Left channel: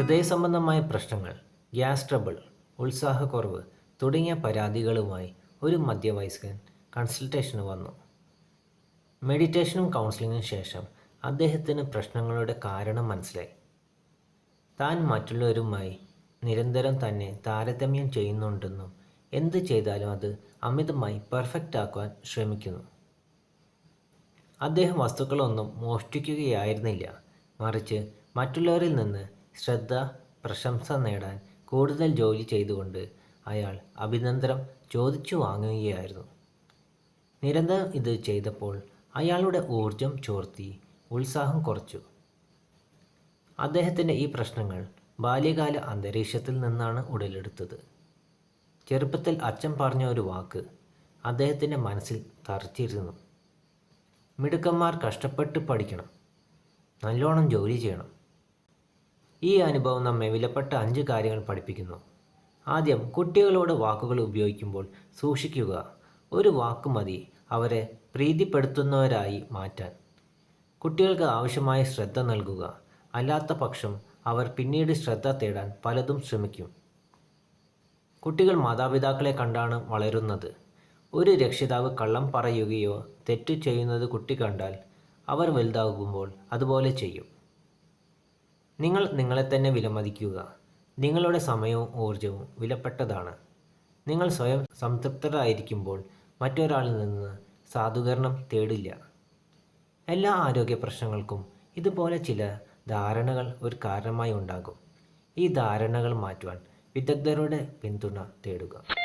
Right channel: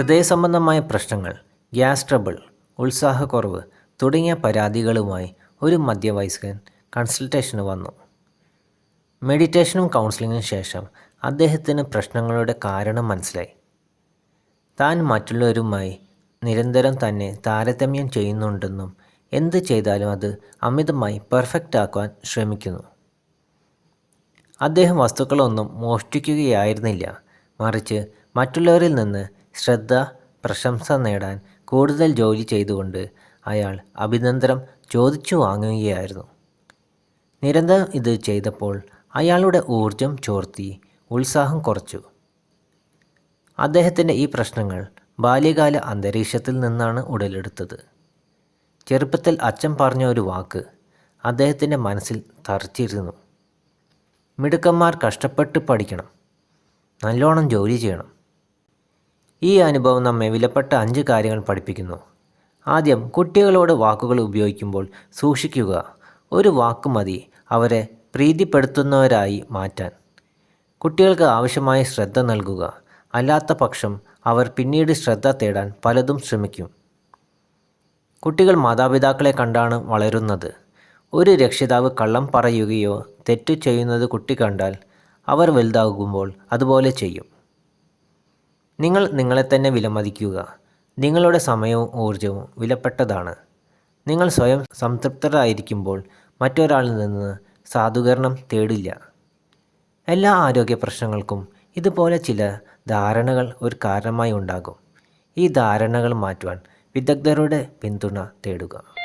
ഹൃദയ സംബന്ധമായ പ്രശ്നങ്ങൾ ഗ്യാസ് ട്രബിൾ ഉത്സാഹക്കുറവ് തുടങ്ങിയ പരാതികളുമായി ഒരു മധ്യവയസ്കൻ കൺസൾട്ടേഷന് വന്നു. മെഡിറ്റേഷനും കൗൺസിലിങ്ങിനും ശേഷം അദ്ദേഹത്തിന് പ്രശ്നങ്ങളുടെ കാരണം മനസ്സിലായി. താൻ മറ്റുള്ളവരുമായി നിരന്തരം തന്നെ താരതമ്യം ചെയ്യുന്നുണ്ടെന്നും എന്ത് ചെയ്താലും അത് അമിതമായി പെർഫെക്റ്റ് ആക്കുവാൻ ശ്രമിക്കുന്നു. അദ്ദേഹം വസ്തുക്കളൊന്നും മോഷ്ടിക്കുകയായിരുന്നില്ല. മറിച്ച് മറ്റുള്ളവരിൽ നിന്ന് ശ്രദ്ധ പ്രശംസ നേടാൻ കൂടുതൽ ജോലി ചെയ്തുകൊണ്ട് അയാൾ അഭിനന്ദനം ചോദിച്ചു വാങ്ങുകയായിരുന്നു. നിരന്തരം ഇത് ചെയ്തപ്പോൾ അയാളുടെ ഊർജം ചോർത്തി ഉത്സാഹം കുറച്ചു. അദ്ദേഹത്തിന്റെ ഈ പ്രശ്നങ്ങൾ ബാല്യകാല അന്തരീക്ഷത്തിൽ നിന്നാണ് ഉടലെടുത്തത്. ചെറുപ്പത്തിൽ അച്ഛൻ പറഞ്ഞ ഒരു വാക്ക് അദ്ദേഹത്തിന്റെ മനസ്സിൽ തറച്ചിരുന്നു. മിടുക്കന്മാർ കഷ്ടപ്പെട്ട് പഠിക്കണം നല്ലോണം ജോലി ചെയ്യണം ഈ അനുഭവം നമ്മെ വിലപ്പെട്ട അഞ്ച് കാര്യങ്ങൾ പഠിപ്പിക്കുന്നു. ആദ്യം കുട്ടികളോട് വാക്കുകൾ ഉപയോഗിക്കുമ്പോൾ സൂക്ഷിക്കുക. ഒരു വാക്ക് മതി അവരെ പ്രീതിപ്പെടുത്തുന്നവരായി മാറ്റാൻ. കുട്ടികൾക്ക് ആവശ്യമായ ശ്രദ്ധ നൽകുക. അല്ലാത്ത പക്ഷം അവർ പിന്നീട് ശ്രദ്ധ തേടാൻ പലതും ശ്രമിക്കും. കുട്ടികൾ മാതാപിതാക്കളെ കണ്ടാണ് വളരുന്നത്. ഒരു രക്ഷിതാവ് കള്ളം പറയുകയോ തെറ്റു ചെയ്യുന്നത് കുട്ടി കണ്ടാൽ അവർ വലുതാകുമ്പോൾ അതുപോലെ ചെയ്യും. നിങ്ങൾ നിങ്ങളെ തന്നെ വിലമതിക്കുക. നിങ്ങളുടെ സമയവും ഊർജവും വിലപ്പെട്ടതാണ്. നിങ്ങൾ സ്വയം സംതൃപ്തരായിരിക്കുമ്പോൾ മറ്റൊരാളിൽ നിന്ന് സാധൂകരണം തേടില്ല. എല്ലാ ആരോഗ്യ പ്രശ്നങ്ങൾക്കും ഇതുപോലെ ചില ധാരണകൾ ഒരു കാരണമായി ഉണ്ടാകും. ഈ ധാരണകൾ മാറ്റുവാൻ വിദഗ്ധരുടെ പിന്തുണ തേടുക.